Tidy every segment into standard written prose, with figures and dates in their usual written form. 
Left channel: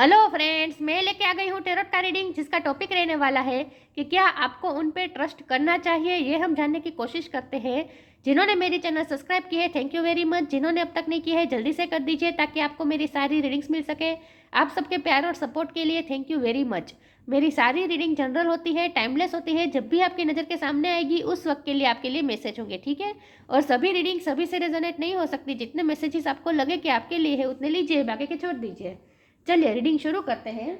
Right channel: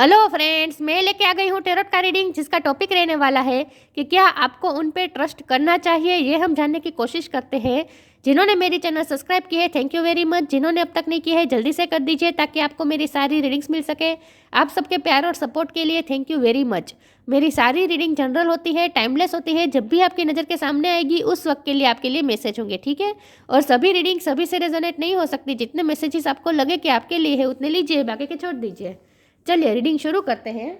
Hello friends, मैं लेके आ गई हूँ टेरोट का रीडिंग, जिसका टॉपिक रहने वाला है कि क्या आपको उन पे ट्रस्ट करना चाहिए। ये हम जानने की कोशिश करते हैं। जिन्होंने मेरी चैनल सब्सक्राइब की है, थैंक यू वेरी मच। जिन्होंने अब तक नहीं की है, जल्दी से कर दीजिए ताकि आपको मेरी सारी रीडिंग्स मिल सके। आप सबके प्यार और सपोर्ट के लिए थैंक यू वेरी मच। मेरी सारी रीडिंग जनरल होती है, टाइमलेस होती है। जब भी आपकी नज़र के सामने आएगी उस वक्त के लिए आपके लिए मैसेज होंगे, ठीक है। और सभी रीडिंग सभी से रेजोनेट नहीं हो सकती। जितने मैसेजेस आपको लगे कि आपके लिए है उतने लीजिए, बाकी के छोड़ दीजिए। चलिए रीडिंग शुरू करते हैं।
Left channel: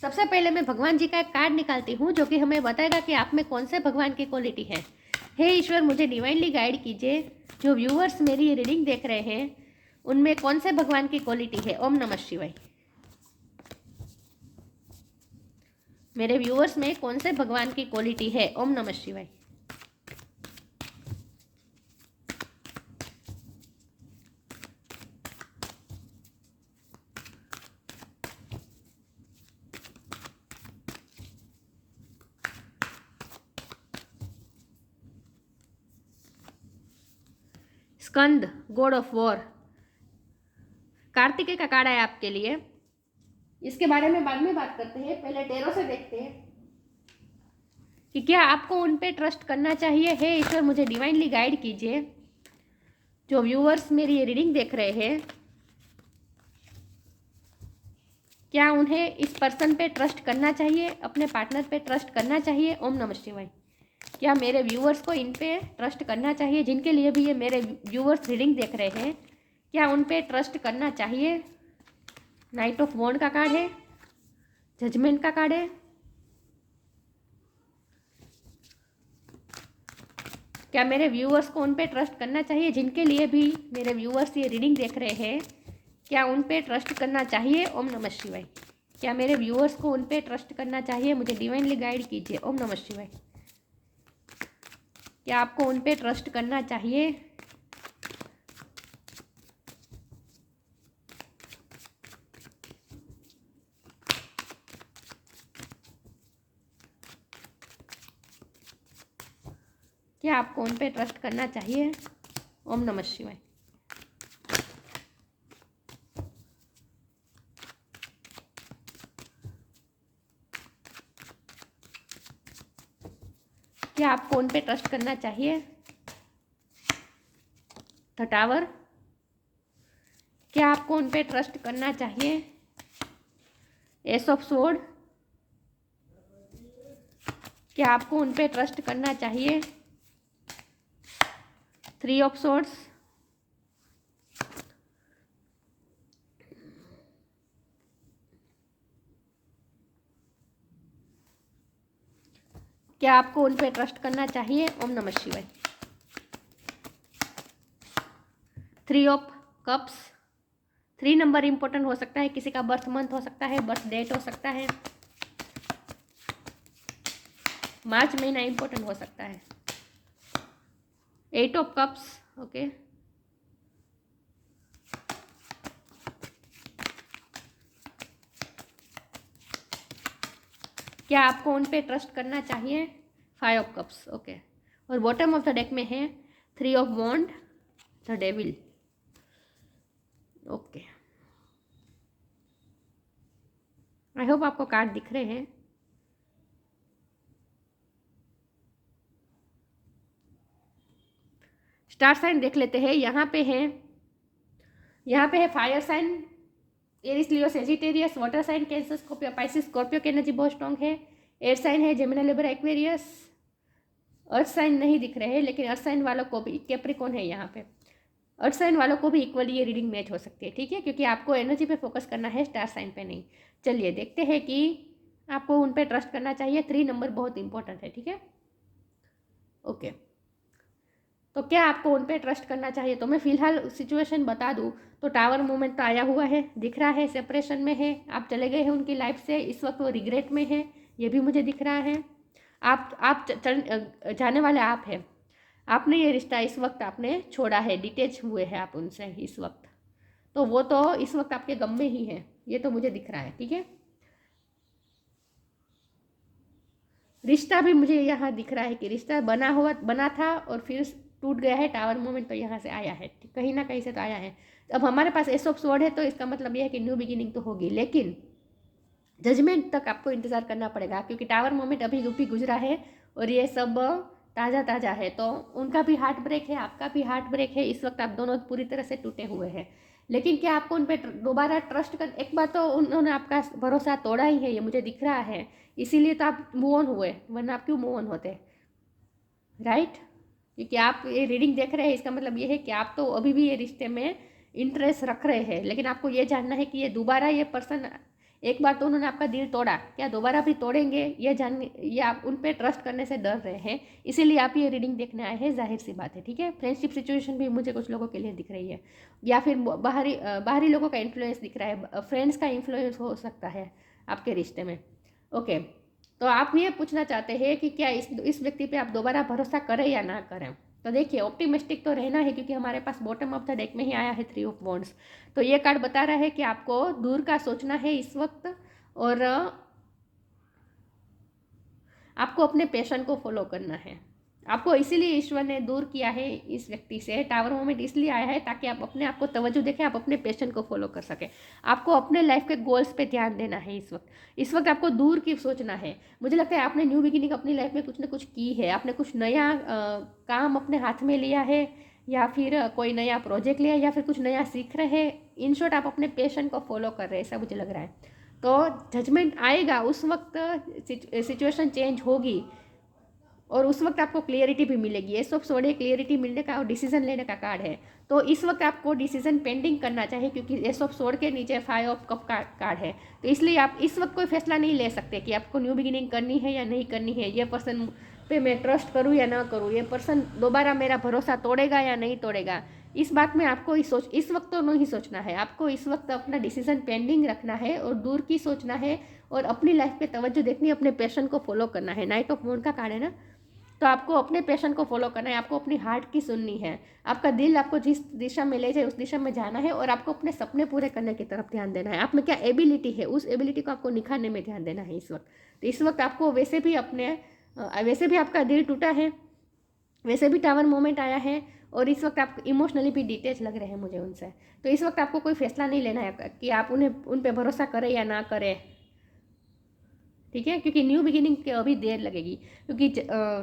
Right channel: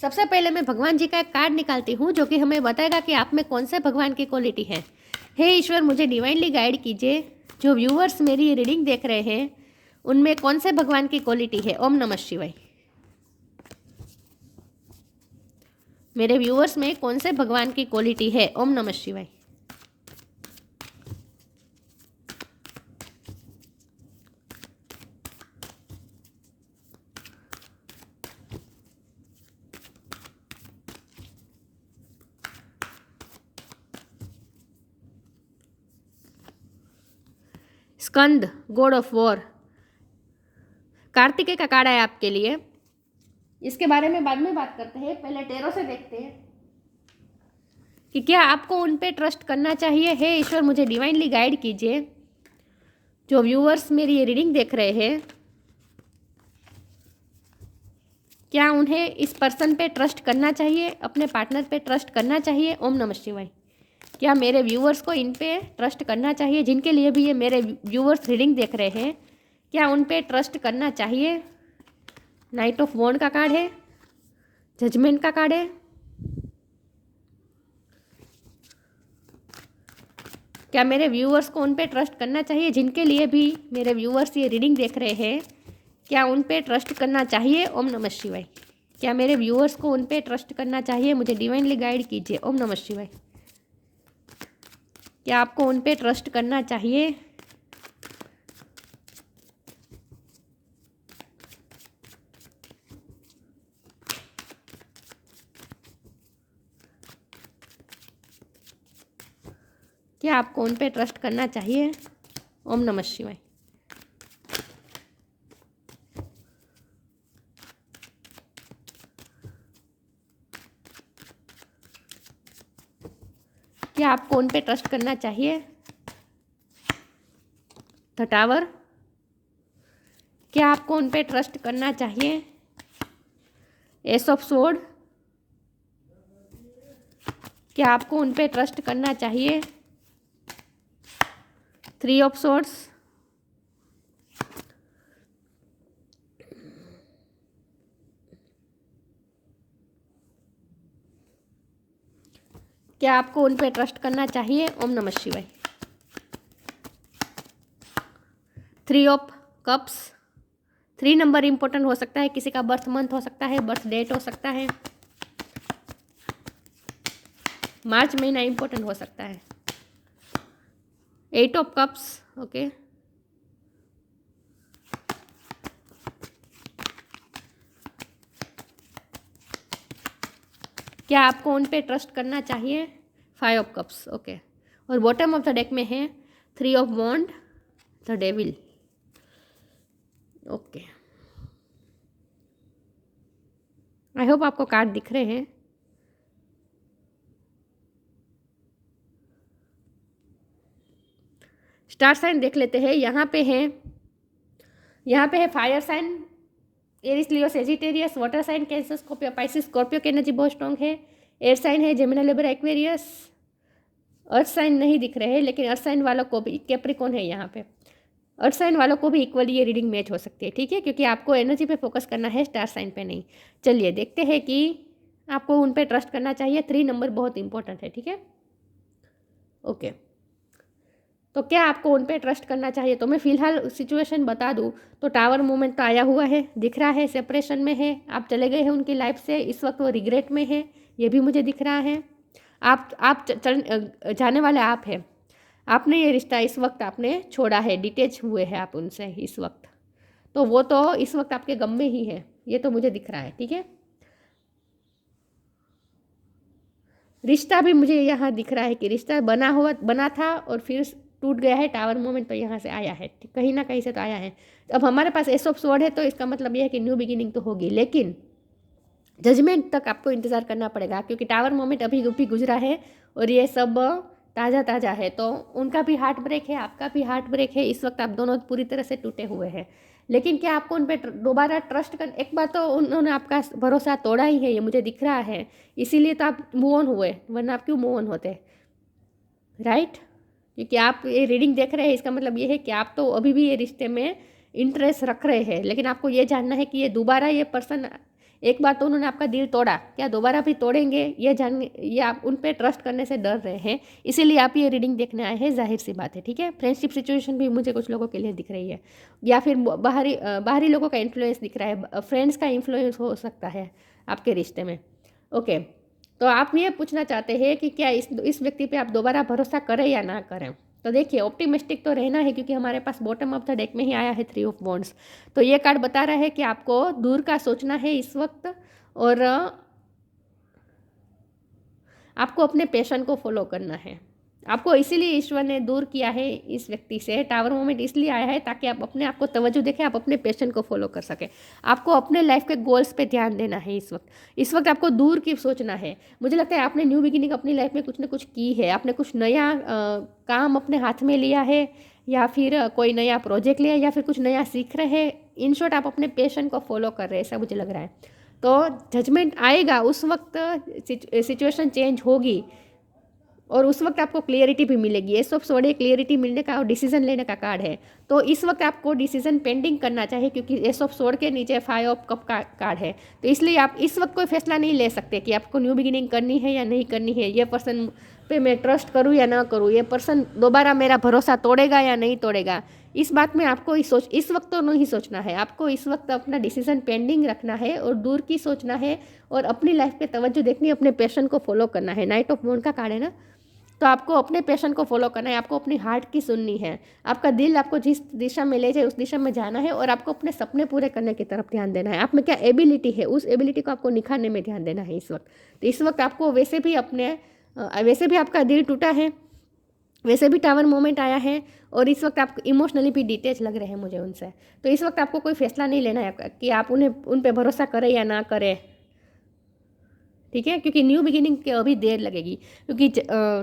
सबसे पहले मैं भगवान जी का एक कार्ड निकालती हूँ जो कि हमें बताएगा कि आप में कौन से भगवान की क्वालिटी है। हे ईश्वर, मुझे डिवाइनली गाइड कीजिए। जो व्यूअर्स मेरी ये रीडिंग देख रहे हैं उनमें कौन से भगवान की क्वालिटी है। ओम नमः शिवाय। मेरे व्यूअर्स में कौन से भगवान की क्वालिटी है। ओम नमः शिवाय। स्कंद, गॉड ऑफ वॉर, कार्तिकेय का कार्ड है आपके लिए। इसके बारे में बाद में बात करते हैं, पहले टेरो से देखते हैं कि क्या आपको उन पे ट्रस्ट करना चाहिए। हे ईश्वर, मुझे डिवाइनली गाइड कीजिए। जो व्यूअर्स मेरी ये रीडिंग देख रहे हैं, क्या उन्हें इस पर्सन पे ट्रस्ट करना चाहिए, अपने पार्टनर पे ट्रस्ट करना चाहिए। ओम नमः शिवाय। क्या मेरे व्यूअर्स को इन पे ट्रस्ट करना चाहिए, जिनके लिए भी ये मेरे व्यूअर्स रीडिंग देख रहे हैं, क्या उन पे ट्रस्ट करना चाहिए। नाइट ऑफ वॉन्ड का कार्ड है, जजमेंट का कार्ड है। क्या मेरे व्यूअर्स को उन पे ट्रस्ट करना चाहिए, जिनके लिए भी मेरे व्यूअर्स ये रीडिंग देख रहे हैं, क्या उन पे ट्रस्ट करना चाहिए। ओम नमः शिवाय। क्या मेरे व्यूअर्स को उन पे ट्रस्ट करना चाहिए, मुझे डिवाइनली गाइड कीजिए। ओम नमः शिवाय। क्या आपको उन पे ट्रस्ट करना चाहिए। क्या आपको उन पे ट्रस्ट करना चाहिए। ओम नमः शिवाय। क्या आपको उन पे ट्रस्ट करना चाहिए। The tower. क्या आपको उन पे ट्रस्ट करना चाहिए। S of sword. क्या आपको उन पे ट्रस्ट करना चाहिए। Three of swords. क्या आपको उन पे ट्रस्ट करना चाहिए। ओम नमः शिवाय। Three of cups. 3 number important हो सकता है, किसी का बर्थ मंथ हो सकता है, बर्थ डेट हो सकता है, मार्च महीना इंपॉर्टेंट हो सकता है। 8 ऑफ कप्स। ओके। क्या आपको उन पे ट्रस्ट करना चाहिए। 5 ऑफ कप्स। ओके। और बॉटम ऑफ द डेक में है 3 of wand, the devil. Okay, I hope आपको कार्ड दिख रहे हैं। स्टार साइन देख लेते हैं। यहाँ पे है fire sign, Aries, Leo, Sagittarius. Water sign Cancer, Scorpio, Pisces, Scorpio की एनर्जी बहुत स्ट्रॉन्ग है। एयर साइन है Gemini, Libra, Aquarius. Earth sign नहीं दिख रहे हैं, लेकिन अर्थ साइन वालों को भी, कैप्रिकॉर्न है यहाँ पे, अर्थ साइन वालों को भी इक्वली ये रीडिंग मैच हो सकती है, ठीक है, क्योंकि आपको एनर्जी पे फोकस करना है, स्टार साइन पे नहीं। चलिए देखते हैं कि आपको उन पे ट्रस्ट करना चाहिए। 3 नंबर बहुत इंपॉर्टेंट है, ठीक है। ओके, तो क्या आपको उन पे ट्रस्ट करना चाहिए। तो मैं फिलहाल सिचुएशन बता दूं तो टावर मूवमेंट तो आया हुआ है, दिख रहा है, सेपरेशन में है, आप चले गए हैं उनकी लाइफ से, इस वक्त वो रिग्रेट में है, ये भी मुझे दिख रहा है। आप जाने वाले आप हैं, आपने ये रिश्ता इस वक्त आपने छोड़ा है, डिटेच हुए हैं आप उनसे इस वक्त, तो वो तो इस वक्त आपके गम में ही है, ये तो मुझे दिख रहा है, ठीक है। रिश्ता भी मुझे यहाँ दिख रहा है कि रिश्ता बना था और फिर टूट गया है, टावर मोमेंट तो यहाँ से आया है, कहीं ना कहीं से तो आया है। अब हमारे पास एस ऑफ स्वॉर्ड है तो इसका मतलब यह है कि न्यू बिगिनिंग तो होगी, लेकिन जजमेंट तक आपको इंतज़ार करना पड़ेगा, क्योंकि टावर मोमेंट अभी अभी गुजरा है और ये सब ताज़ा ताज़ा है। तो उनका भी हार्ट ब्रेक है, आपका भी हार्ट ब्रेक है, इस वक्त आप दोनों पूरी तरह से टूटे हुए हैं। लेकिन क्या आपको उन पर दोबारा ट्रस्ट कर, एक बार तो उन्होंने आपका भरोसा तोड़ा ही है, ये मुझे दिख रहा है, इसीलिए तो आप मूव ऑन हुए, वरना आप क्यों मूव ऑन होते, राइट? क्योंकि आप ये रीडिंग देख रहे हैं, इसका मतलब ये है कि आप तो अभी भी ये रिश्ते में इंटरेस्ट रख रहे हैं, लेकिन आपको ये जानना है कि ये दोबारा ये पर्सन, एक बार तो उन्होंने आपका दिल तोड़ा, क्या दोबारा भी तोड़ेंगे, ये आप उन पे ट्रस्ट करने से डर रहे हैं, इसीलिए आप ये रीडिंग देखने आए हैं, जाहिर सी बात है, ठीक है। फ्रेंडशिप सिचुएशन भी मुझे कुछ लोगों के लिए दिख रही है, या फिर बाहरी लोगों का इन्फ्लुएंस दिख रहा है, फ्रेंड्स का इन्फ्लुएंस हो सकता है आपके रिश्ते में। ओके, तो आप ये पूछना चाहते हैं कि क्या इस व्यक्ति पे आप दोबारा भरोसा करें या ना करें। तो देखिए, ऑप्टिमिस्टिक तो रहना है, क्योंकि हमारे पास बॉटम ऑफ द डेक में ही आया है 3 ऑफ वॉन्ड्स। तो ये कार्ड बता रहा है कि आपको दूर का सोचना है इस वक्त, और आपको अपने पैशन को फॉलो करना है। आपको इसीलिए ईश्वर ने दूर किया है इस व्यक्ति से, टावर मोमेंट इसलिए आया है ताकि आप अपने आप को तवज्जो देखें, आप अपने पैशन को फॉलो कर सकें। आपको अपने लाइफ के गोल्स पे ध्यान देना है इस वक्त आपको दूर की सोचना है। मुझे लगता है आपने न्यू बिगिनिंग अपनी लाइफ में कुछ ना कुछ की है, आपने कुछ नया काम अपने हाथ में लिया है, या फिर कोई नया प्रोजेक्ट लिया, या फिर कुछ नया सीख रहे हैं। इन शॉर्ट आप अपने पैशन को फॉलो कर रहे हैं, ऐसा मुझे लग रहा है। तो जजमेंट आएगा, उस वक्त सिचुएशन चेंज होगी, और उस वक्त आपको क्लियरिटी भी मिलेगी। ये सब सोड़े क्लियरिटी मिलने का और डिसीजन लेने का कार्ड है। तो इस वक्त आपको डिसीजन पेंडिंग करना चाहिए, क्योंकि ये सब सोड़ के नीचे 5 ऑफ कप का कार्ड है। तो इसलिए आप इस वक्त कोई फैसला नहीं ले सकते कि आपको न्यू बिगिनिंग करनी है या नहीं करनी है, ये पर्सन पे मैं ट्रस्ट करूँ या ना करूँ, ये पर्सन दोबारा मेरा भरोसा तोड़ेगा या नहीं तोड़ेगा। इस बात में आपको इस वक्त तो नहीं सोचना है, आपको इस वक्त अपना डिसीजन पेंडिंग रखना है और दूर की सोचना है, और अपनी लाइफ पे तवज्जो देखनी, अपने पैशन को फॉलो करना है। नाइट ऑफ वॉन्ड का कार्ड है ना, तो आपको अपने पैशन को फॉलो करना है, आपको अपनी हार्ट की सुननी है, आपका दिल आपको जिस दिशा में ले जाए उस दिशा में जाना है, और आपको अपने सपने पूरे करने की तरफ ध्यान देना है। आप में क्या एबिलिटी है, उस एबिलिटी को आपको निखारने में ध्यान देना है इस वक्त। तो इस वक्त आपको वैसे भी आपका दिल टूटा है, वैसे भी टावर मोमेंट आया है, और इस वक्त आप इमोशनली भी डिटेच लग रहे हैं मुझे उनसे। तो इस वक्त आपको कोई फैसला नहीं लेना है कि आप उन पर भरोसा करें या ना करें, ठीक है, क्योंकि न्यू बिगिनिंग के अभी देर लगेगी, क्योंकि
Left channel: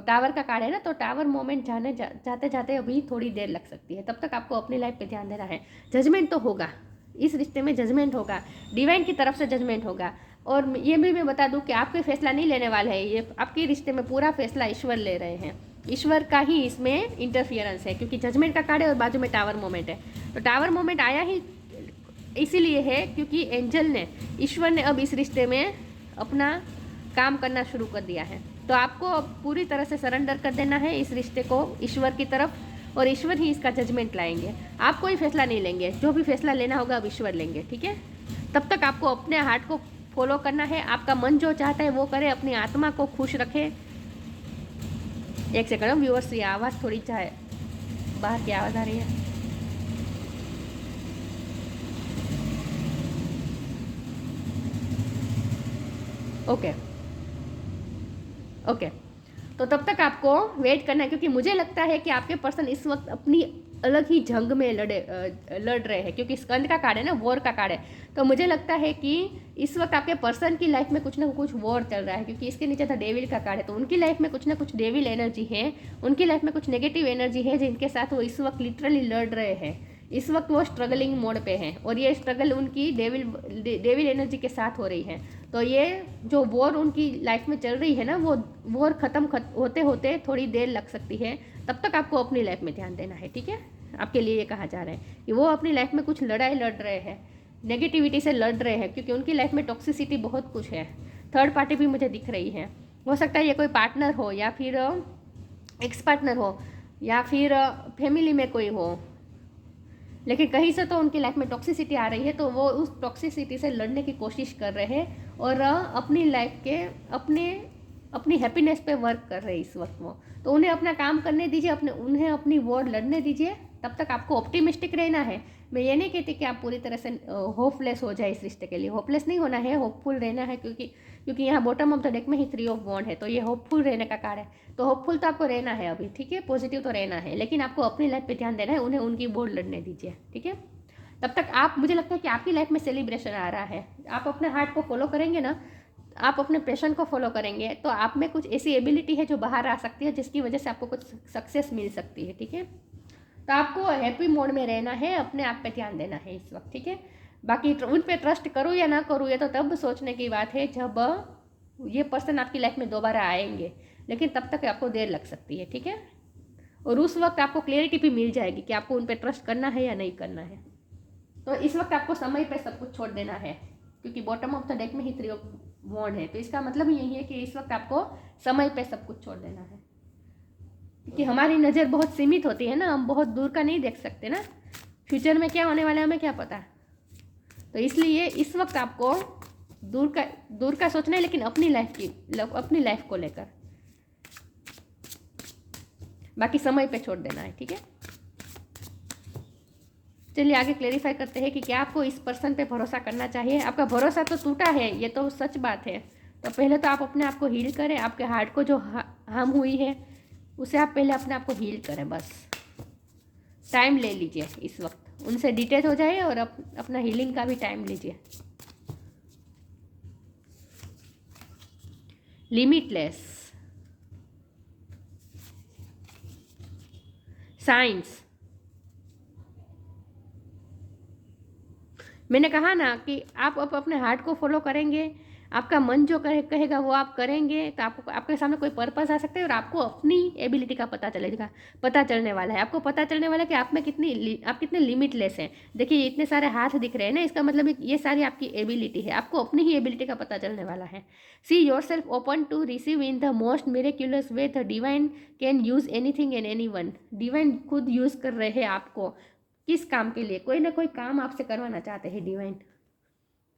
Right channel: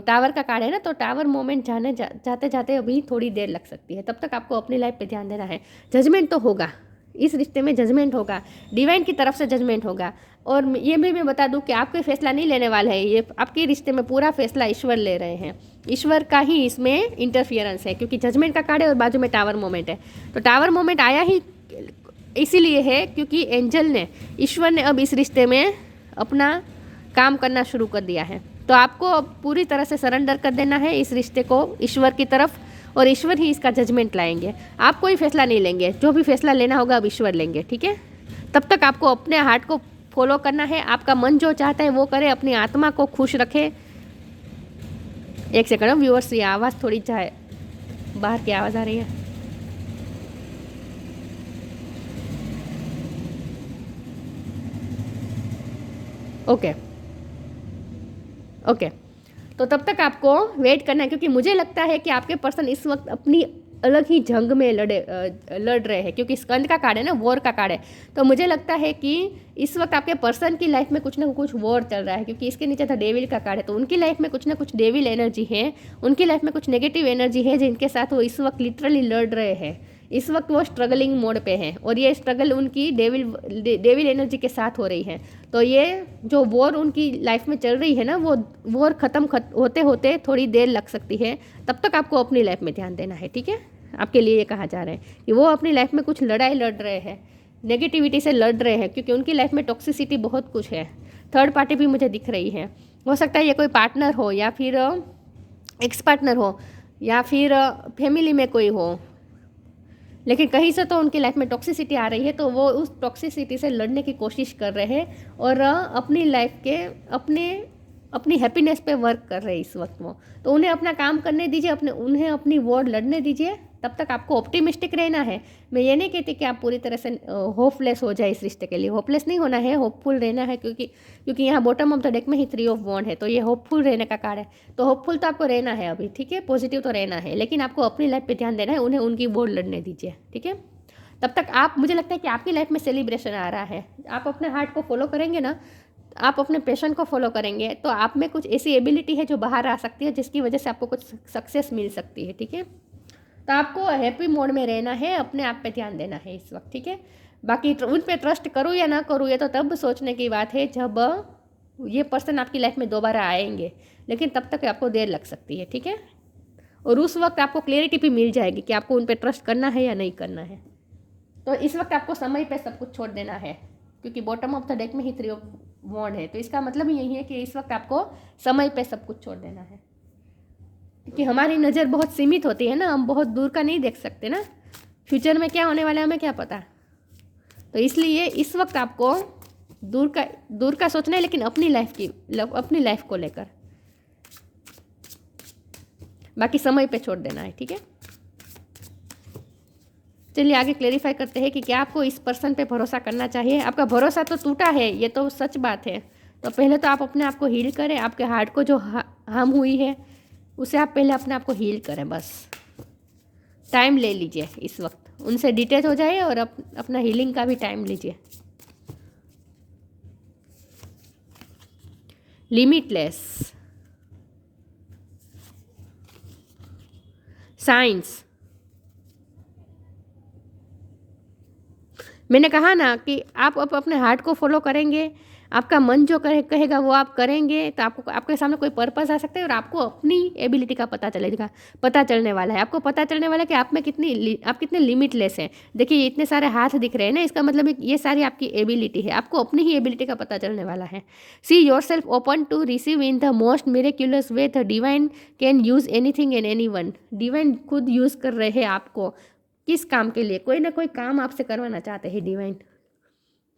टावर का कार्ड है ना, तो टावर मोमेंट जाते जाते अभी थोड़ी देर लग सकती है। तब तक आपको अपनी लाइफ पे ध्यान देना है। जजमेंट तो होगा, इस रिश्ते में जजमेंट होगा, डिवाइन की तरफ से जजमेंट होगा। और ये भी मैं बता दूं कि आप कोई फैसला नहीं लेने वाले हैं, ये आपके रिश्ते में पूरा फैसला ईश्वर ले रहे हैं। ईश्वर का ही इसमें इंटरफियरेंस है, क्योंकि जजमेंट का कार्ड है और बाजू में टावर मोमेंट है। तो टावर मोमेंट आया ही इसीलिए है क्योंकि एंजल ने, ईश्वर ने अब इस रिश्ते में अपना काम करना शुरू कर दिया है। तो आपको अब पूरी तरह से सरेंडर कर देना है इस रिश्ते को ईश्वर की तरफ, और ईश्वर ही इसका जजमेंट लाएंगे। आप कोई फैसला नहीं लेंगे, जो भी फैसला लेना होगा अब ईश्वर लेंगे, ठीक है। तब तक आपको अपने हार्ट को फॉलो करना है, आपका मन जो चाहता है वो करे, अपनी आत्मा को खुश रखे। एक सेकंड व्यूअर्स, ये आवाज़ थोड़ी चाहे बाहर की आवाज़ आ रही है। ओके, तो तब तक आपको वेट करना है, क्योंकि मुझे लगता है कि आपके पर्सन इस वक्त अपनी अलग ही जंग में लड़ रहे हैं, क्योंकि स्कंद का कार्ड है ना, वॉर का कार्ड है। तो मुझे लगता है कि इस वक्त आपके पर्सन की लाइफ में कुछ ना कुछ वॉर चल रहा है, क्योंकि इसके नीचे था डेविल का कार्ड है। तो उनकी लाइफ में कुछ ना कुछ डेविल एनर्जी है, उनकी लाइफ में कुछ नेगेटिव एनर्जी है, जिनके साथ वो इस वक्त लिटरली लड़ रहे हैं। इस वक्त वो स्ट्रगलिंग मोड पे हैं, और ये स्ट्रगल उनकी डेविल एनर्जी के साथ हो रही है। तो ये जो वॉर उनकी लाइफ में चल रही है ना, वो वॉर होते होते थोड़ी देर लग सकती है। तब तक आपको अपनी लाइफ में ध्यान देना है, ठीक है। आपके लिए ये कहा जा रहा है कि वो अपनी लाइफ में कुछ लड़ाई लड़ रहे हैं, नेगेटिविटी से लड़ रहे हैं, क्योंकि उनकी लाइफ में टॉक्सिसिटी बहुत कुछ है। थर्ड पार्टी भी मुझे दिख रही है, हो सकता है ये कोई पार्टनर हो, या फिर एक्स पार्टनर हो, या फिर फैमिली में कोई हो, लेकिन कहीं से तो उनकी लाइफ में टॉक्सिसिटी आ रही है। तो वो उस टॉक्सिसिटी से लड़ने की कोशिश कर रहे हैं, और अपनी लाइफ के अपनी हैप्पीनेस पे वर्क कर रहे हैं इस वक्त वो। तो उन्हें अपना काम करने दीजिए, उन्हें अपनी वॉर लड़ने दीजिए, तब तक आपको ऑप्टिमिस्टिक रहना है। मैं ये नहीं कहती कि आप पूरी तरह से होपलेस हो जाए इस रिश्ते के लिए, होपलेस नहीं होना है, होपफुल रहना है, क्योंकि यहाँ बॉटम ऑफ द डेक में ही 3 ऑफ वॉन्ड है, तो ये होपफुल रहने का कार्ड है। तो होपफुल तो आपको रहना है अभी, ठीक है, पॉजिटिव तो रहना है, लेकिन आपको अपनी लाइफ पे ध्यान देना है, उन्हें उनकी वोट लड़ने दीजिए, ठीक है। तब तक आप, मुझे लगता है कि आपकी लाइफ में सेलिब्रेशन आ रहा है, आप अपने हार्ट को फॉलो करेंगे ना, आप अपने पैशन को फॉलो करेंगे, तो आप में कुछ ऐसी एबिलिटी है जो बाहर आ सकती है, जिसकी वजह से आपको कुछ सक्सेस मिल सकती है, ठीक है। तो आपको हैप्पी मोड में रहना है, अपने आप पे ध्यान देना है इस वक्त, ठीक है। बाकी उन पे ट्रस्ट करूँ या ना करूँ, ये तो तब सोचने की बात है जब ये पर्सन आपकी लाइफ में दोबारा आएंगे, लेकिन तब तक आपको देर लग सकती है, ठीक है। और उस वक्त आपको क्लियरिटी भी मिल जाएगी कि आपको उन पे ट्रस्ट करना है या नहीं करना है। तो इस वक्त आपको समय पे सब कुछ छोड़ देना है, क्योंकि बॉटम ऑफ द डेक में ही 3 ऑफ वॉन्ड है, तो इसका मतलब यही है कि इस वक्त आपको समय पे सब कुछ छोड़ देना है, क्योंकि हमारी नज़र बहुत सीमित होती है ना, हम बहुत दूर का नहीं देख सकते ना, फ्यूचर में क्या होने वाला है हमें क्या पता। तो इसलिए इस वक्त आपको दूर का सोचना है, लेकिन अपनी लाइफ को लेकर, बाकी समय पे छोड़ देना है, ठीक है। चलिए आगे क्लेरिफाई करते हैं कि क्या आपको इस पर्सन पे भरोसा करना चाहिए। आपका भरोसा तो टूटा है, ये तो सच बात है। तो पहले तो आप अपने आप को हील करें, आपके हार्ट को जो हार्म हुई है उसे आप पहले अपने आप को हील करें, बस टाइम ले लीजिए इस वक्त, उनसे डिटेच हो जाए और अपना हीलिंग का भी टाइम लीजिए। लिमिटलेस, साइंस, मैंने कहा ना कि आप अब अपने हार्ट को फॉलो करेंगे, आपका मन जो कहेगा वो आप करेंगे, तो आपको आपके सामने कोई पर्पस आ सकता है और आपको अपनी एबिलिटी का पता चलने वाला है। आपको पता चलने वाला है कि आप कितने लिमिटलेस हैं। देखिए इतने सारे हाथ दिख रहे हैं ना, इसका मतलब ये सारी आपकी एबिलिटी है, आपको अपनी ही एबिलिटी का पता चलने वाला है। See yourself open to receive in the most miraculous way, the divine can use anything and anyone. Divine खुद यूज़ कर रहे हैं आपको, किस काम के लिए, कोई ना कोई काम आपसे करवाना चाहते हैं डिवाइन।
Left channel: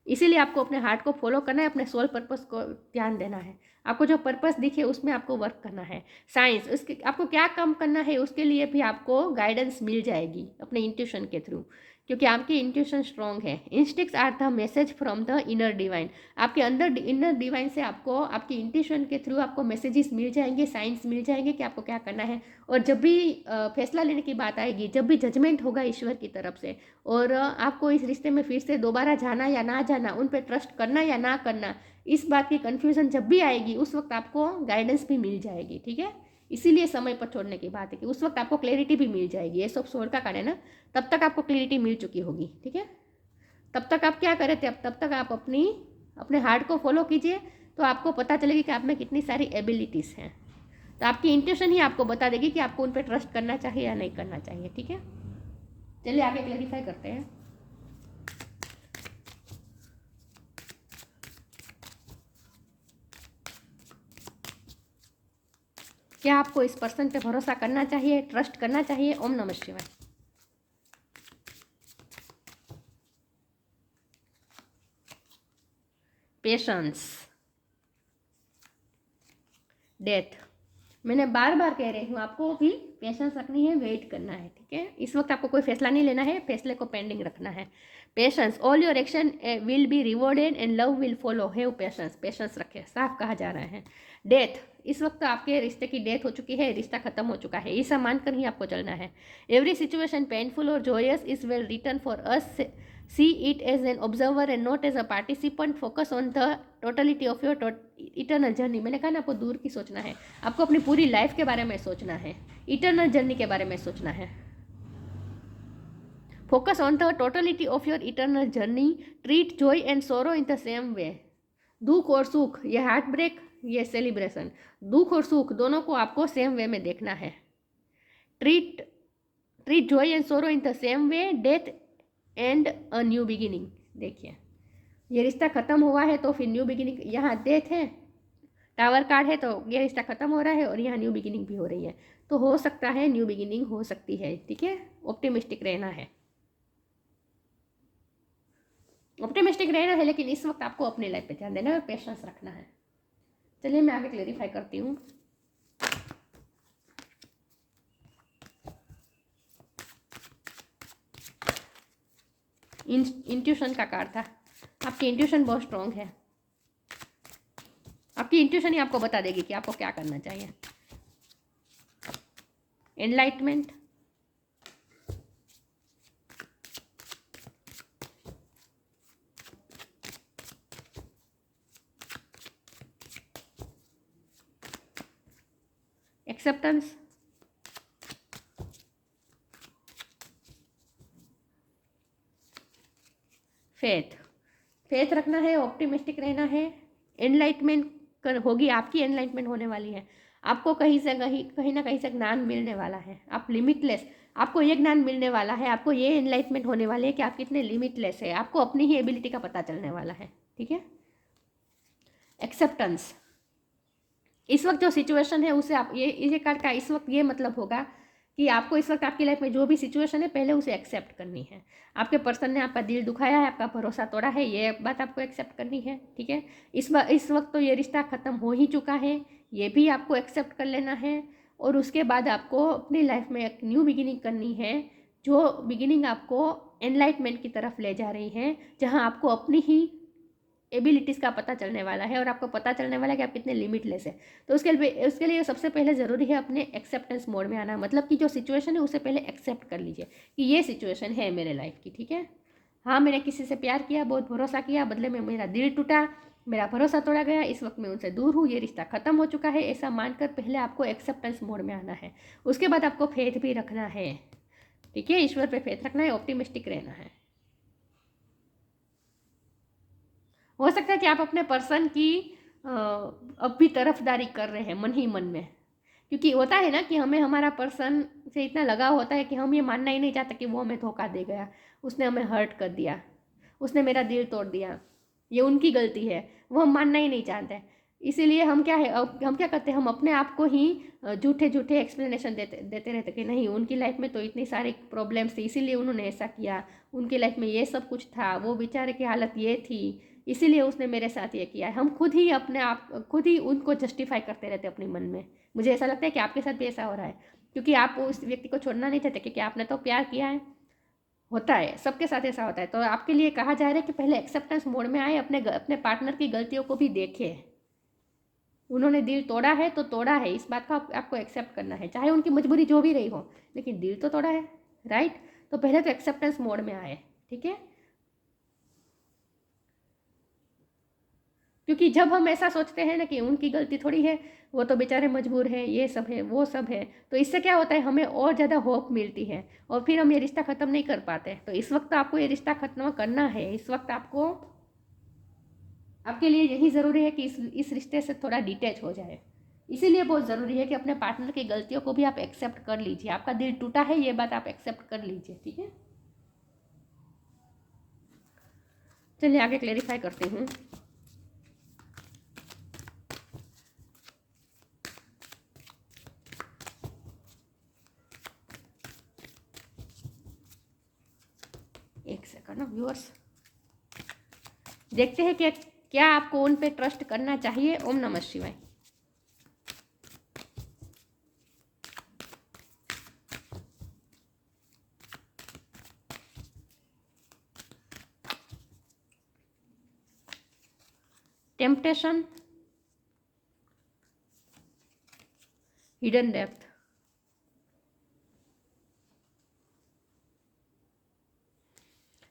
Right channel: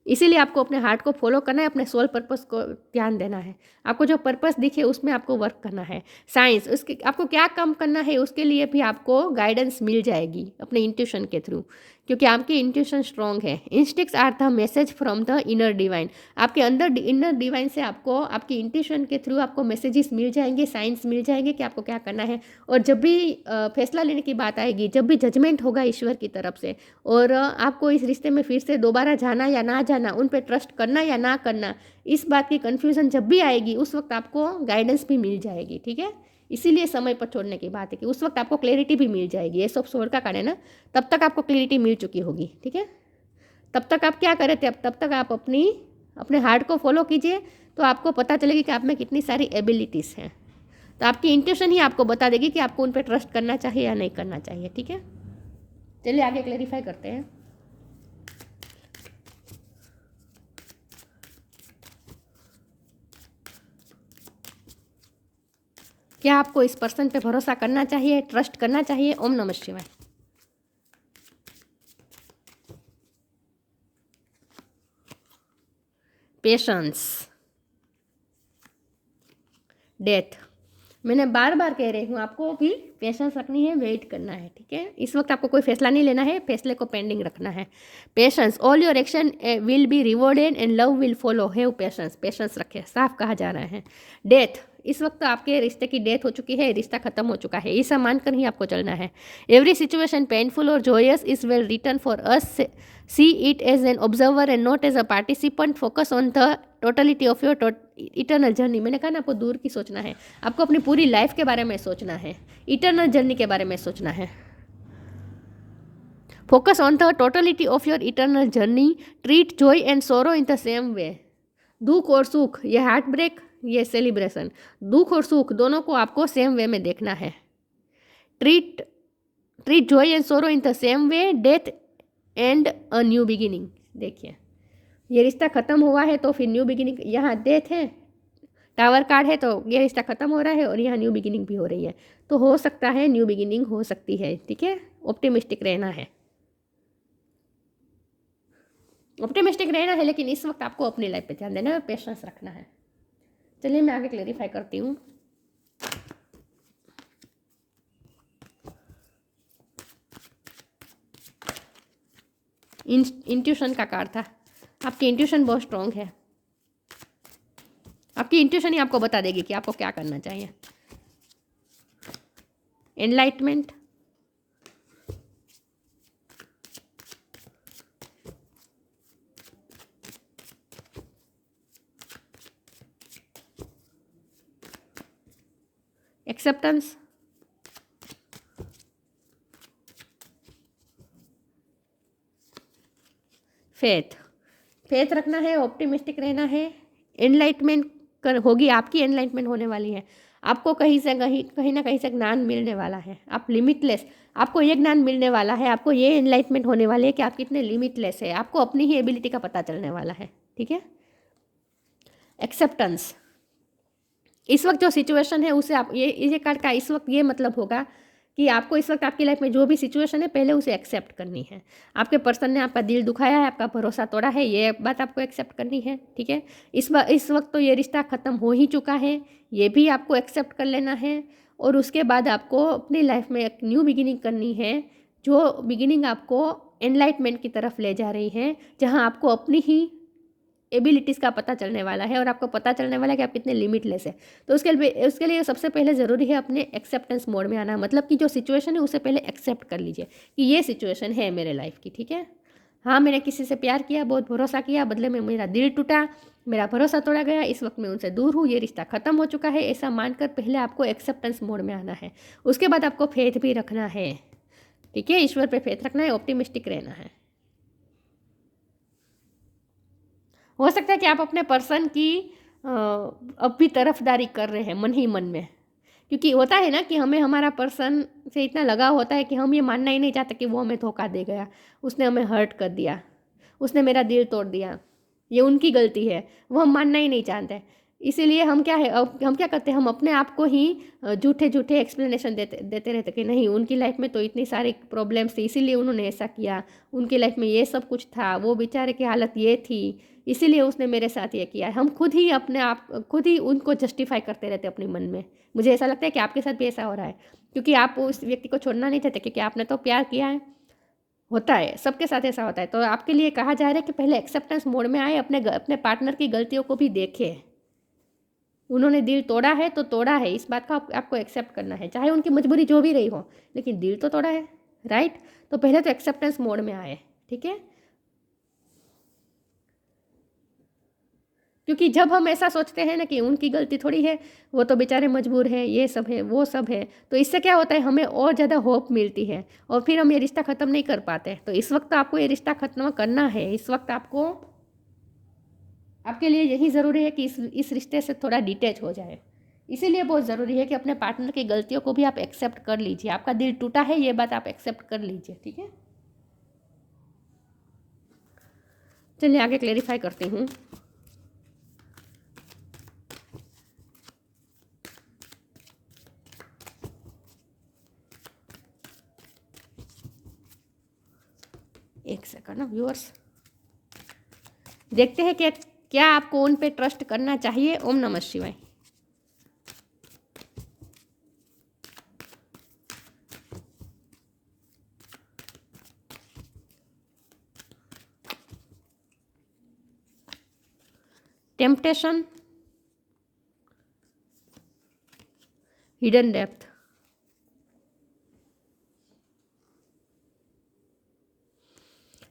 इसीलिए आपको अपने हार्ट को फॉलो करना है, अपने सोल पर्पस को ध्यान देना है, आपको जो पर्पस दिखे उसमें आपको वर्क करना है। साइंस, उसके आपको क्या काम करना है उसके लिए भी आपको गाइडेंस मिल जाएगी अपने इंट्यूशन के थ्रू, क्योंकि आपकी इंट्यूशन स्ट्रॉन्ग है। Instincts are the message from the inner divine. आपके अंदर इनर डिवाइन से आपको आपकी इंट्यूशन के थ्रू आपको मैसेजेस मिल जाएंगे, साइंस मिल जाएंगे कि आपको क्या करना है। और जब भी फैसला लेने की बात आएगी, जब भी जजमेंट होगा ईश्वर की तरफ से, और आपको इस रिश्ते में फिर से दोबारा जाना या ना जाना, उन पर ट्रस्ट करना या ना करना, इस बात की कन्फ्यूज़न जब भी आएगी उस वक्त आपको गाइडेंस भी मिल जाएगी, ठीक है। इसीलिए समय पर छोड़ने की बात है कि उस वक्त आपको क्लैरिटी भी मिल जाएगी। ये सब सोल का कार्ड है ना, तब तक आपको क्लैरिटी मिल चुकी होगी, ठीक है। तब तक आप क्या करे थे, तब तक आप अपने हार्ट को फॉलो कीजिए, तो आपको पता चलेगी कि आप में कितनी सारी एबिलिटीज़ हैं। तो आपकी इंट्यूशन ही आपको बता देगी कि आपको उन पर ट्रस्ट करना चाहिए या नहीं करना चाहिए, ठीक है। चलिए आगे क्लैरिफाई करते हैं। क्या आपको इस पर्सन पे भरोसा करना चाहिए, ट्रस्ट करना चाहिए? ओम नमः शिवाय। Patience, death. मैंने बार बार कह रही हूँ आपको भी पेशेंस रखनी है, वेट करना है, ठीक है। इस वक्त आपको कोई फैसला नहीं लेना है, फैसले को पेंडिंग रखना है। Patience, all your action will be rewarded and love will follow. Have patience, patience रखे, साफ कहा जा रहा है। डेथ, इस वक्त आपके रिश्ते की डेथ हो चुकी है, रिश्ता खत्म हो चुका है, ऐसा मानकर ही आपको चलना है। एवरी सिचुएशन पेनफुल और joyous is well return for us, see it as an observer and not as a participant, focus on the totality of your eternal journey. मैंने कहा ना आपको दूर की सोचना है, आपको अपनी पूरी लाइफ के बारे में सोचना है, इटर्नल जर्नी के बारे में सोचना है। Focus on the totality of your eternal journey, treat Joy and सोरो इन द सेम वे। दुख और सुख, ये हार्ट ब्रेक, ये सेलिब्रेशन, दुख और सुख दोनों को आपको सेम वे में देखना है। ट्रीट जॉय एंड सोरो in the same way, death and a new beginning. देखिए ये रिश्ता खत्म हुआ है तो फिर न्यू बिगिनिंग, यहाँ डेथ है, टावर कार्ड है, तो ये रिश्ता खत्म हो रहा है और यहाँ न्यू बिगिनिंग भी हो रही है। तो हो सकता है न्यू बिगिनिंग हो सकती है, ठीक है। ऑप्टिमिस्टिक रहना है, ऑप्टिमिस्टिक रहना है, लेकिन इस वक्त आपको अपनी लाइफ पे ध्यान देना है, पेशेंस रखना है। चलिए मैं आगे क्लेरिफाई करती हूँ। इंट्यूशन का कार्ड था। आपकी इंट्यूशन बहुत स्ट्रॉन्ग है। आपकी इंट्यूशन ही आपको बता देगी कि आपको क्या करना चाहिए। Enlightenment, acceptance, faith. फेथ रखना है, ऑप्टिमिस्टिक रहना है। एनलाइटमेंट होगी, आपकी एनलाइटमेंट होने वाली है। आपको कहीं से कहीं ना कहीं से ज्ञान मिलने वाला है। आप लिमिटलेस, आपको ये ज्ञान मिलने वाला है, आपको ये एनलाइटमेंट होने वाली है कि आप कितने लिमिटलेस है। आपको अपनी ही एबिलिटी का पता चलने वाला है। ठीक है। एक्सेप्टेंस, इस वक्त जो सिचुएशन है उसे आप ये कार्ड का इस वक्त ये मतलब होगा कि आपको इस वक्त आपकी लाइफ में जो भी सिचुएशन है पहले उसे एक्सेप्ट करनी है। आपके पर्सन ने आपका दिल दुखाया है, आपका भरोसा तोड़ा है, ये बात आपको एक्सेप्ट करनी है। ठीक है। इस वक्त तो ये रिश्ता ख़त्म हो ही चुका है, ये भी आपको एक्सेप्ट कर लेना है। और उसके बाद आपको अपनी लाइफ में एक न्यू बिगिनिंग करनी है, जो बिगिनिंग आपको एनलाइटमेंट की तरफ ले जा रही है, जहाँ आपको अपनी ही एबिलिटीज़ का पता चलने वाला है और आपको पता चलने वाला है कि आप कितने लिमिटलेस है। तो उसके लिए सबसे पहले ज़रूरी है अपने एक्सेप्टेंस मोड में आना। मतलब कि जो सिचुएशन है उसे पहले एक्सेप्ट कर लीजिए कि ये सिचुएशन है मेरे लाइफ की। ठीक है। हाँ, मैंने किसी से प्यार किया, बहुत भरोसा किया, बदले में मेरा दिल टूटा, मेरा भरोसा तोड़ा गया, इस वक्त मैं उनसे दूर हूँ, ये रिश्ता ख़त्म हो चुका है, ऐसा मानकर पहले आपको एक्सेप्टेंस मोड में आना है। उसके बाद आपको फेथ भी रखना है। ठीक है। ईश्वर पे फेथ रखना है, ऑप्टिमिस्टिक रहना है। हो सकता है कि आप अपने पर्सन की अब भी तरफदारी कर रहे हैं मन ही मन में, क्योंकि होता है ना कि हमें हमारा पर्सन से इतना लगाव होता है कि हम ये मानना ही नहीं चाहते कि वो हमें धोखा दे गया, उसने हमें हर्ट कर दिया, उसने मेरा दिल तोड़ दिया, ये उनकी गलती है, वो हम मानना ही नहीं चाहते। इसीलिए हम क्या है, अब हम क्या करते हैं, हम अपने आप को ही झूठे झूठे एक्सप्लेनेशन देते देते रहते कि नहीं, उनकी लाइफ में तो इतनी सारी प्रॉब्लम्स थी, इसीलिए उन्होंने ऐसा किया, उनकी लाइफ में ये सब कुछ था, वो बेचारे की हालत ये थी, इसीलिए उसने मेरे साथ ये किया है। हम खुद ही अपने आप खुद ही उनको जस्टिफाई करते रहते अपने मन में। मुझे ऐसा लगता है कि आपके साथ भी ऐसा हो रहा है, क्योंकि आप उस व्यक्ति को छोड़ना नहीं चाहते, क्योंकि आपने तो प्यार किया है। होता है, सबके साथ ऐसा होता है। तो आपके लिए कहा जा रहा है कि पहले एक्सेप्टेंस मोड में आए, अपने पार्टनर की गलतियों को भी देखें। उन्होंने दिल तोड़ा है तो तोड़ा है, इस बात का आपको एक्सेप्ट करना है, चाहे उनकी मजबूरी जो भी रही हो, लेकिन दिल तो तोड़ा है। राइट। तो पहले तो एक्सेप्टेंस मोड में आए। ठीक है। क्योंकि जब हम ऐसा सोचते हैं ना कि उनकी गलती थोड़ी है, वो तो बेचारे मजबूर है, ये सब है, वो सब है, तो इससे क्या होता है, हमें और ज़्यादा होप मिलती है और फिर हम ये रिश्ता ख़त्म नहीं कर पाते। तो इस वक्त आपको ये रिश्ता ख़त्म करना है। इस वक्त आपको, आपके लिए यही ज़रूरी है कि इस रिश्ते से थोड़ा डिटैच हो जाए। इसीलिए बहुत ज़रूरी है कि अपने पार्टनर की गलतियों को भी आप एक्सेप्ट कर लीजिए। आपका दिल टूटा है, ये बात आप एक्सेप्ट कर लीजिए। ठीक है। चलिए आगे क्लेरिफाई करती हूँ। एक सेकंड ना व्यूअर्स, देखते हैं कि क्या आपको उन पे ट्रस्ट करना चाहिए। ओम नमः शिवाय। Temptation, hidden depth.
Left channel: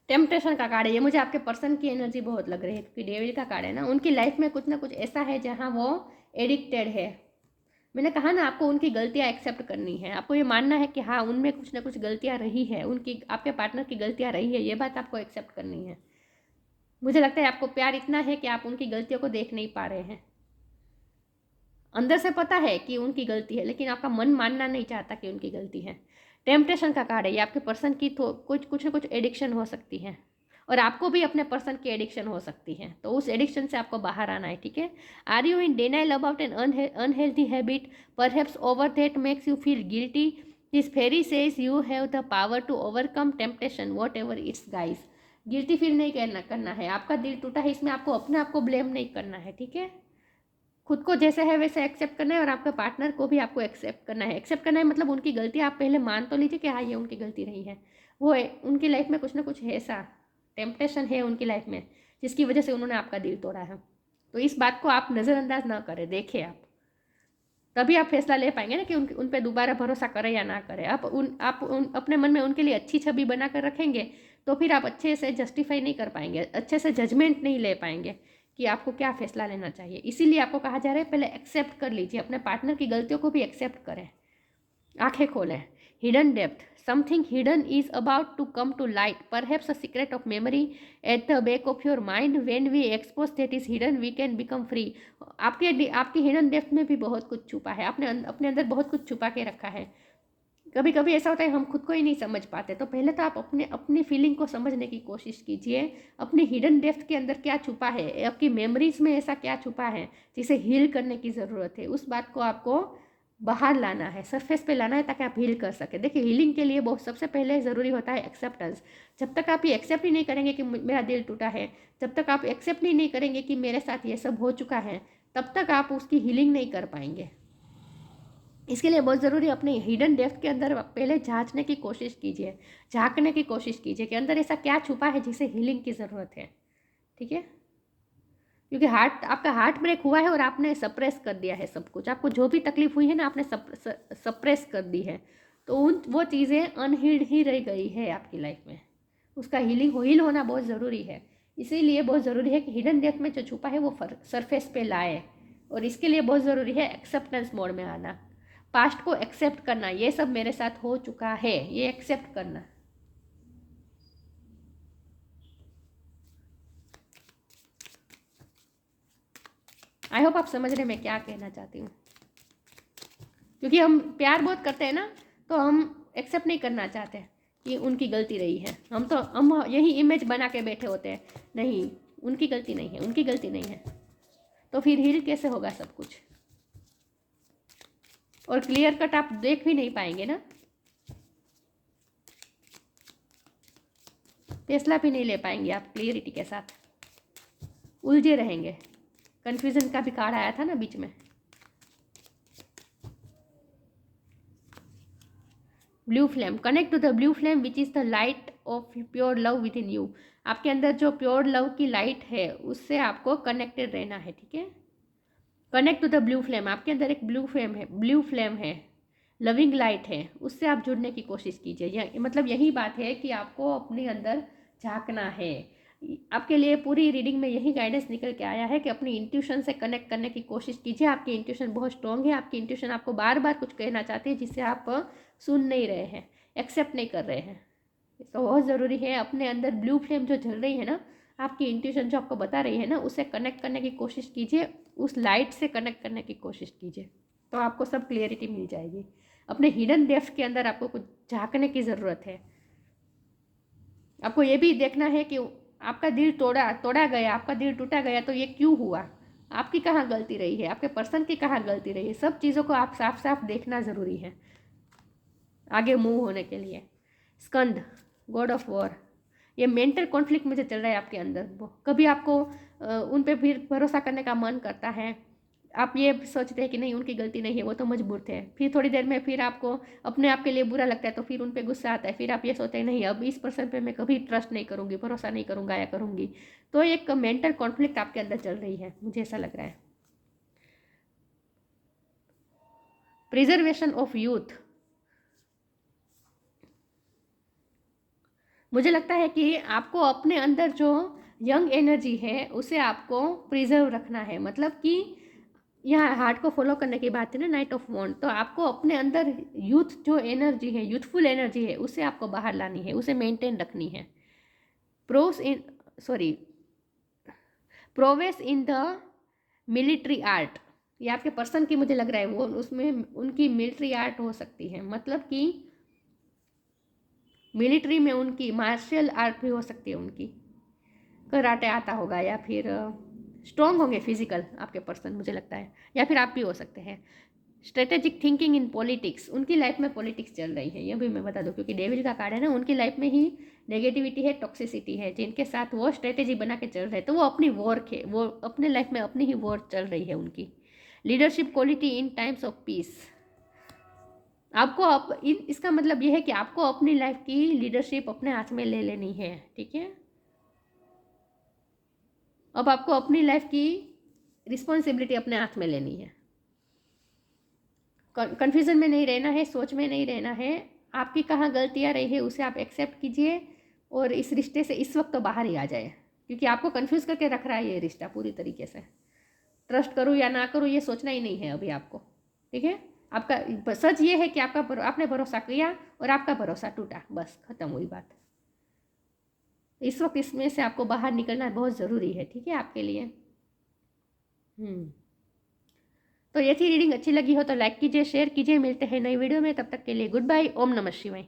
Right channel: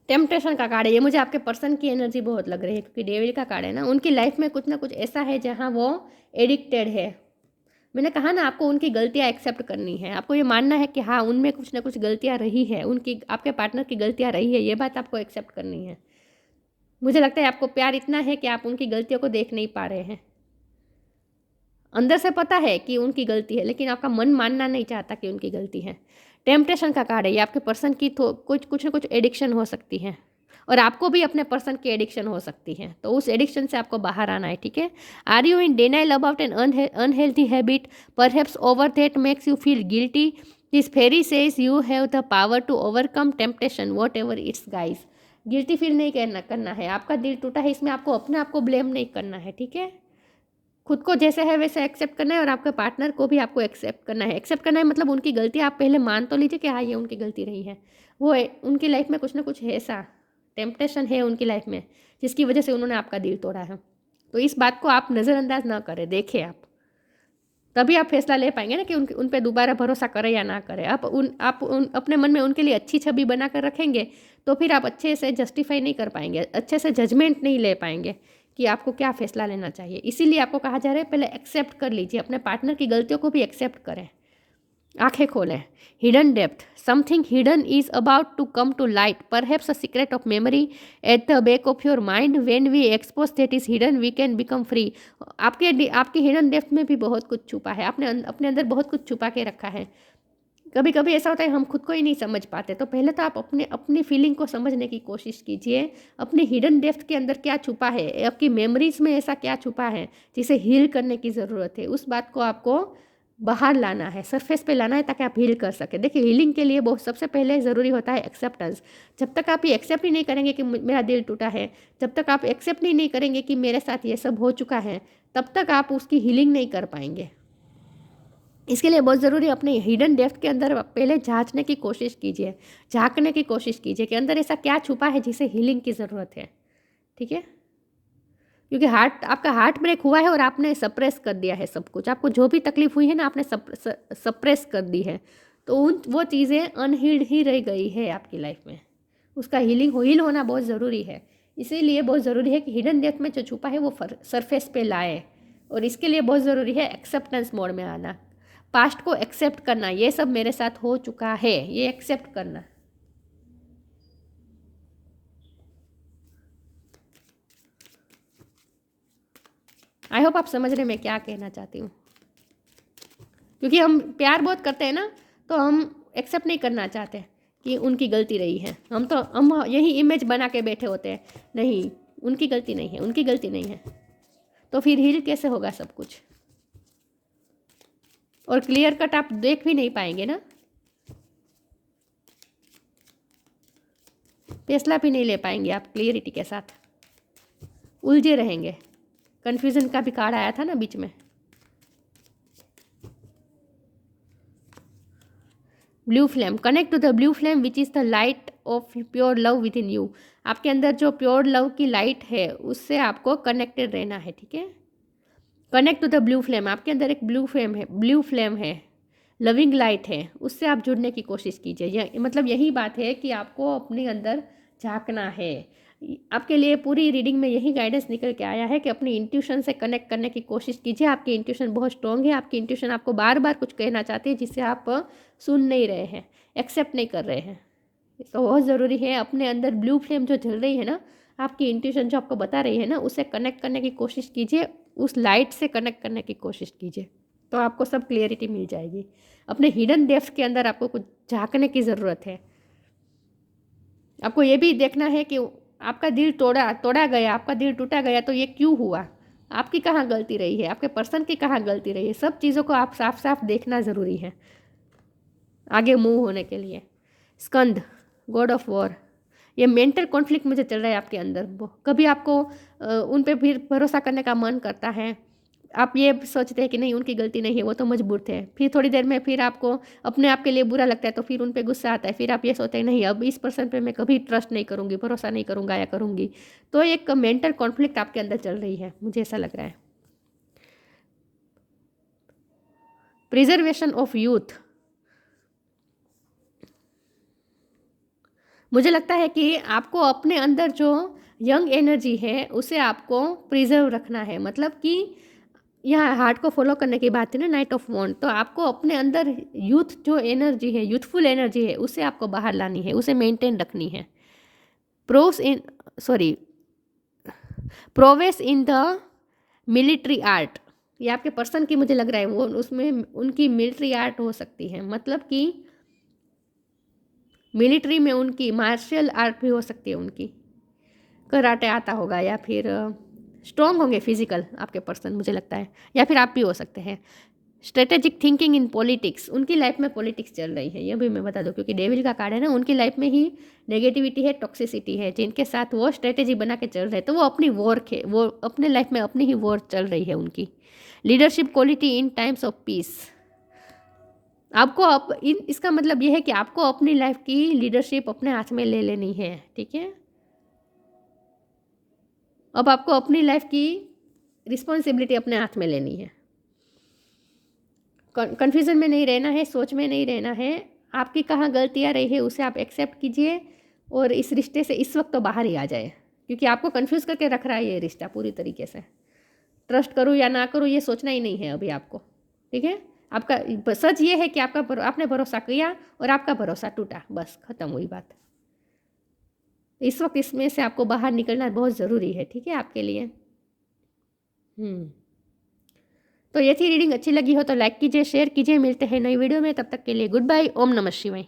टेम्पटेशन का कार्ड है, ये मुझे आपके पर्सन की एनर्जी बहुत लग रही है, क्योंकि डेविल का कार्ड है ना। उनकी लाइफ में कुछ ना कुछ ऐसा है जहाँ वो एडिक्टेड है। मैंने कहा ना, आपको उनकी गलतियाँ एक्सेप्ट करनी है। आपको ये मानना है कि हाँ, उनमें कुछ ना कुछ गलतियाँ रही है, उनकी, आपके पार्टनर की गलतियाँ रही है, ये बात आपको एक्सेप्ट करनी है। मुझे लगता है आपको प्यार इतना है कि आप उनकी गलतियों को देख नहीं पा रहे हैं। अंदर से पता है कि उनकी गलती है, लेकिन आपका मन मानना नहीं चाहता कि उनकी गलती है। टेम्पटेशन का कार्ड है, ये आपके पर्सन की तो कुछ ना कुछ एडिक्शन हो सकती है, और आपको भी अपने पर्सन की एडिक्शन हो सकती है। तो उस एडिक्शन से आपको बाहर आना है। ठीक है। Are you in denial about an unhealthy habit, perhaps over that makes you feel guilty, this fairy says you have the power to overcome temptation whatever its guise. Guilty feel नहीं करना है। आपका दिल टूटा है, इसमें आपको अपने आप को ब्लेम नहीं करना है। ठीक है। खुद को जैसे है वैसे एक्सेप्ट करना है, और आपके पार्टनर को भी आपको एक्सेप्ट करना है। एक्सेप्ट करना है मतलब उनकी गलती आप पहले मान तो लीजिए कि हाँ, ये उनकी गलती रही है, वो उनकी लाइफ में कुछ ना कुछ है ऐसा टेम्पटेशन है उनकी लाइफ में जिसकी वजह से उन्होंने आपका दिल तोड़ा है। तो इस बात को आप नज़रअंदाज ना करें, देखें आप, तभी आप फैसला ले पाएंगे ना कि उन पे दोबारा भरोसा करें या ना करें। आप अपने मन में उनके लिए अच्छी छवि बना कर रखेंगे तो फिर आप अच्छे से जस्टिफाई नहीं कर पाएंगे, अच्छे से जजमेंट नहीं ले पाएंगे कि आपको क्या फ़ैसला लेना चाहिए। इसीलिए आपको कहा जा रहा है पहले एक्सेप्ट कर लीजिए, अपने पार्टनर की गलतियों को भी एक्सेप्ट करें, आंखें खोलें। Hidden depth, something hidden is about to come to light, perhaps a secret of memory at the back of your mind, when we expose that is hidden we can become free. आपकी hidden depth में भी बहुत कुछ छुपा है, आपने अपने अंदर बहुत कुछ छुपा के रखा है। कभी कभी ऐसा होता है हम खुद को ही नहीं समझ पाते, तो पहले तो आप अपनी फीलिंग को समझने की कोशिश कीजिए, अपनी हिडन डेप्थ के अंदर क्या छुपा है, आपकी मेमोरीज में ऐसा क्या छुपा है जिसे हील करने की ज़रूरत है। उस बात को आपको बाहर लाना है, सरफेस पे लाना है, ताकि आप हील कर सके। देखिए, हीलिंग के लिए बहुत सबसे पहले ज़रूरी होता है एक्सेप्टेंस। जब तक आप ये एक्सेप्ट ही नहीं करेंगे कि मेरा दिल टूटा है, जब तक आप एक्सेप्ट ही नहीं करेंगे कि मेरे साथ ये सब हो चुका है, तब तक आप उसकी हीलिंग नहीं कर पाएंगे। इसके लिए बहुत ज़रूरी है अपने हिडन डेप्थ के अंदर पहले झांकने की कोशिश कीजिए, झांकने की कोशिश कीजिए कि अंदर ऐसा क्या छुपा है जिसे हीलिंग की ज़रूरत है। ठीक है, क्योंकि आपका हार्ट ब्रेक हुआ है और आपने सप्रेस कर दिया है सब कुछ, आपको जो भी तकलीफ हुई है ना आपने सप्रेस कर दी है, तो वो चीज़ें अनहील्ड ही रह गई है आपकी लाइफ में। उसका हील होना बहुत ज़रूरी है। इसीलिए बहुत ज़रूरी है कि हिडन डेप्थ में जो छुपा है वो सरफेस पे लाए, और इसके लिए बहुत ज़रूरी है एक्सेप्टेंस मोड में आना, पास्ट को एक्सेप्ट करना। ये सब मेरे साथ हो चुका है, ये एक्सेप्ट करना। आई होप आप समझ रहे हैं मैं क्या कहना चाहती हूँ। क्योंकि हम प्यार बहुत करते हैं ना, तो हम एक्सेप्ट नहीं करना चाहते कि उनकी गलती रही है। हम यही इमेज बना के बैठे होते हैं, नहीं उनकी गलती नहीं है, उनकी गलती नहीं है। तो फिर हील कैसे होगा सब कुछ, और क्लियर कट आप देख भी नहीं पाएंगे ना, फैसला भी नहीं ले पाएंगे आप क्लियरिटी के साथ, उलझे रहेंगे। कन्फ्यूजन का भी कार्ड आया था ना बीच में। Blue flame, connect to the blue flame which is the light of pure love within you. आपके अंदर जो प्योर लव की लाइट है उससे आपको कनेक्टेड रहना है। ठीक है, connect to the blue flame, आपके अंदर एक ब्लू फ्लेम है, लविंग लाइट है, उससे आप जुड़ने की कोशिश कीजिए। मतलब यही बात है कि आपको अपने अंदर झांकना है। आपके लिए पूरी रीडिंग में यही गाइडेंस निकल के आया है कि अपनी इंट्यूशन से कनेक्ट करने की कोशिश कीजिए। आपकी इंट्यूशन बहुत स्ट्रॉन्ग है, आपकी इंट्यूशन आपको बार बार कुछ कहना चाहती है जिससे आप सुन नहीं रहे हैं, एक्सेप्ट नहीं कर रहे हैं। तो बहुत ज़रूरी है अपने अंदर ब्लू फ्लेम जो जल रही है ना, आपकी इंट्यूशन जो आपको बता रही है ना, उससे कनेक्ट करने की कोशिश कीजिए, उस लाइट से कनेक्ट करने की कोशिश कीजिए, तो आपको सब क्लियरिटी मिल जाएगी। अपने हिडन डेप्थ के अंदर आपको कुछ झांकने की ज़रूरत है। आपको ये भी देखना है कि आपका दिल तोड़ा गया, आपका दिल टूटा गया, तो ये क्यों हुआ, आपकी कहाँ गलती रही है, आपके पर्सन की कहाँ गलती रही है। सब चीज़ों को आप साफ साफ देखना ज़रूरी है आगे मूव होने के लिए। स्कंद, गॉड ऑफ वॉर, ये मेंटल कॉन्फ्लिक्ट मुझे चल रहा है आपके अंदर। कभी आपको उन पे फिर भरोसा करने का मन करता है, आप ये सोचते हैं कि नहीं उनकी गलती नहीं है, वो तो मजबूर थे। फिर थोड़ी देर में फिर आपको अपने आप के लिए बुरा लगता है, तो फिर उन पे गुस्सा आता है। फिर आप ये सोचते हैं नहीं अब इस पर्सन पे मैं कभी ट्रस्ट नहीं करूँगी, भरोसा नहीं करूँगा या करूँगी। तो एक मेंटल कॉन्फ्लिक्ट आपके अंदर चल रही है, मुझे ऐसा लग रहा है। प्रिजर्वेशन ऑफ यूथ, मुझे लगता है कि आपको अपने अंदर जो यंग एनर्जी है उसे आपको प्रिजर्व रखना है। मतलब कि यहाँ हार्ट को फॉलो करने की बात है ना, नाइट ऑफ वॉन्ड, तो आपको अपने अंदर यूथ जो एनर्जी है, यूथफुल एनर्जी है, उसे आपको बाहर लानी है, उसे मेंटेन रखनी है। Prowess in the military art, ये आपके पर्सन की मुझे लग रहा है वो उसमें उनकी मिलिट्री आर्ट हो सकती है। मतलब कि मिलिट्री में उनकी मार्शल आर्ट भी हो सकती है, उनकी कराटे आता होगा, या फिर स्ट्रॉन्ग होंगे फिजिकल आपके पर्सन मुझे लगता है, या फिर आप भी हो सकते हैं। स्ट्रेटेजिक थिंकिंग इन पॉलिटिक्स, उनकी लाइफ में पॉलिटिक्स चल रही है, ये भी मैं बता दूं, क्योंकि डेविल का कार्ड है ना, उनकी लाइफ में ही नेगेटिविटी है, टॉक्सिसिटी है, जिनके साथ वो स्ट्रेटेजी बना के चल रहे हैं। तो वो अपनी वो अपने लाइफ में अपनी ही वॉर चल रही है उनकी। Leadership quality in times of peace, आपको इसका मतलब ये है कि आपको अपनी लाइफ की लीडरशिप अपने हाथ में ले लेनी है। ठीक है, अब आपको अपनी लाइफ की रिस्पॉन्सिबिलिटी अपने हाथ में लेनी है। कन्फ्यूज़न में नहीं रहना है, सोच में नहीं रहना है। आपकी कहाँ गलतियाँ रही है उसे आप एक्सेप्ट कीजिए और इस रिश्ते से इस वक्त तो बाहर ही आ जाए, क्योंकि आपको कन्फ्यूज़ करके रख रहा है ये रिश्ता पूरी तरीके से। ट्रस्ट करूँ या ना करूँ ये सोचना ही नहीं है अभी आपको, ठीक है। आपका सच ये है कि आपने भरोसा किया और आपका भरोसा टूटा, बस ख़त्म हुई बात। इस वक्त इसमें से आपको बाहर निकलना बहुत ज़रूरी है, ठीक है, आपके लिए। तो ये थी रीडिंग। अच्छी लगी हो तो लाइक कीजिए, शेयर कीजिए। मिलते हैं नई वीडियो में, तब तक के लिए गुड बाय। ओम नमः शिवाय।